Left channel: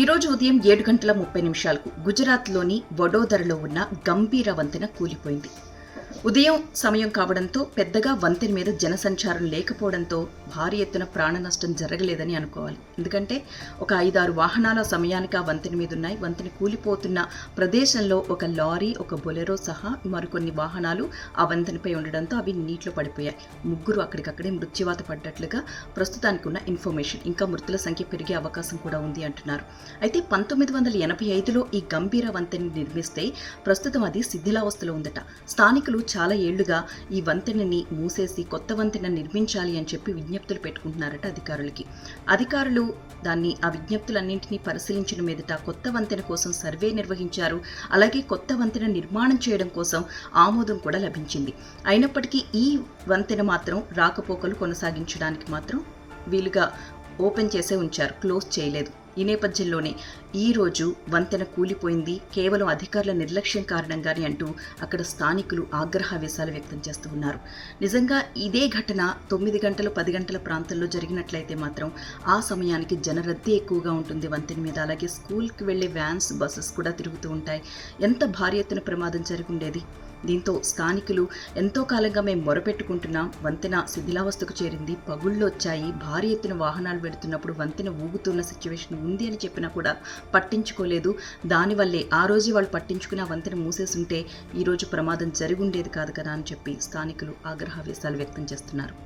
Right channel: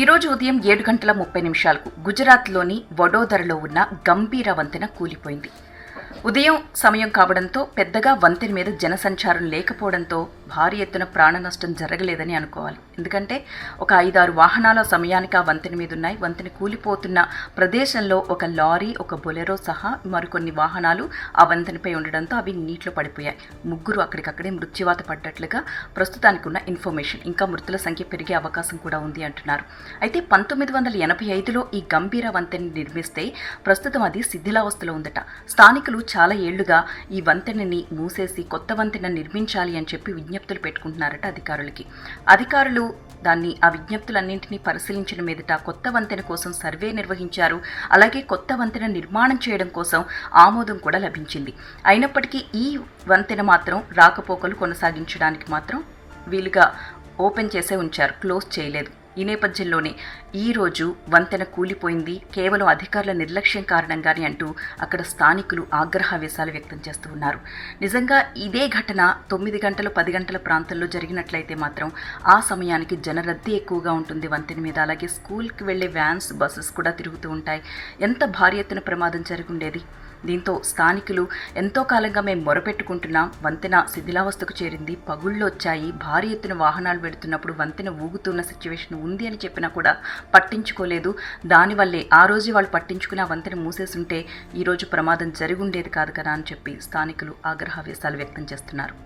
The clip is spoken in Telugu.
ఈరోజు ఉదయం ఏడు గంటల ముప్పై నిమిషాలకు గుజరాత్లోని వడోదరలో ఉన్న గంభీర వంతెన కూలిపోయింది. ఉదయం సమయం కావడంతో పెద్దగా వంతెన మీద జనసంచారం లేకపోవడంతో భారీ ఎత్తున ప్రాణ నష్టం జరగలేదని అనుకోవాలి. ఎందుకంటే ఒక ఐదారు వాహనాల సమయానికి ఆ వంతెన మీద ఉన్నాయి వంతెన కూలిపోతున్న ప్రదేశంలో ఒక లారీ ఒక బొలెరో సహా మరికొన్ని వాహనాలు ఆ వంతెనపై ఉండడంతో అవి నీటిలో పడిపోయాయి. ముగ్గురు అక్కడికక్కడే మృత్యువాత పడ్డట్లుగా ప్రస్తుతానికి ఉన్న ఇన్ఫర్మేషన్. ఇంకా మృతుల సంఖ్య పెరిగే అవకాశం కూడా ఉంది అంటున్నారు. అయితే పంతొమ్మిది వందల ఎనభై ఐదులో ఈ గంభీర వంతెన నిర్మిస్తే ప్రస్తుతం అది శిథిలావస్థలో ఉందట. స్థానికులు చాలా ఏళ్ళుగా ఈ వంతెనని మూసేసి కొత్త వంతెన నిర్మించాలి అని చెప్పి విజ్ఞప్తులు పెట్టుకుంటున్నారట అధికారులకి. అధికారులు దాన్ని ఆ విజ్ఞప్తులన్నింటినీ పరిశీలించిన మీదట కొత్త వంతెన కోసం సర్వే నిర్వహించారు. అలాగే కొత్త వంతెన నిర్మాణం చేయడం కోసం ఆమోదం కూడా లభించింది. అయినప్పటికీ ఈ వంతెన మాత్రం రాకపోకలు కొనసాగించడానికి మాత్రం వీలుగా ఓపెన్ చేసే ఉంచారు. క్లోజ్ చేయలేదు. ఈ నేపథ్యంలోనే ఈరోజు వంతెన కూలిపోయింది. కేవలం అధికారుల నిర్లక్ష్యం కారణంగానే అంటూ అక్కడ స్థానికులు ఆగ్రహావేశాలు వ్యక్తం చేస్తూ ఉన్నారు. నిజంగా ఇదే ఘటన తొమ్మిది గంటలు పది గంటల ప్రాంతంలో జరిగినట్లయితే మాత్రం ఆ సమయానికి జనరద్దీ ఎక్కువగా ఉంటుంది. వంతెన మీద అలాగే స్కూల్కి వెళ్ళే వ్యాన్స్ బస్సెస్ కూడా తిరుగుతూ ఉంటాయి. ఎంత భారీ ఎత్తున ప్రమాదం జరుగుండేది? దీంతో స్థానికులు ఎంతో కాలంగా మేము మొరపెట్టుకుంటున్నాం. వంతెన శిథిలావస్థకు చేరింది. పగుళ్ళు వచ్చాయి. భారీ ఎత్తున వాహనాలు వెళుతున్నప్పుడు వంతెన ఊగుతున్న సిచ్యువేషన్ ఉంది అని చెప్పినా కూడా పట్టించుకోలేదు. దానివల్లే ఆ రోజు వాళ్ళు పట్టించుకుని ఆ వంతెన మూసేసుంటే ఈరోజు ప్రమాదం జరిగి ఉండేది కాదు కదా అని చెప్పి స్థానికులు ఆగ్రహావేశాలు వ్యక్తం చేస్తున్నారు.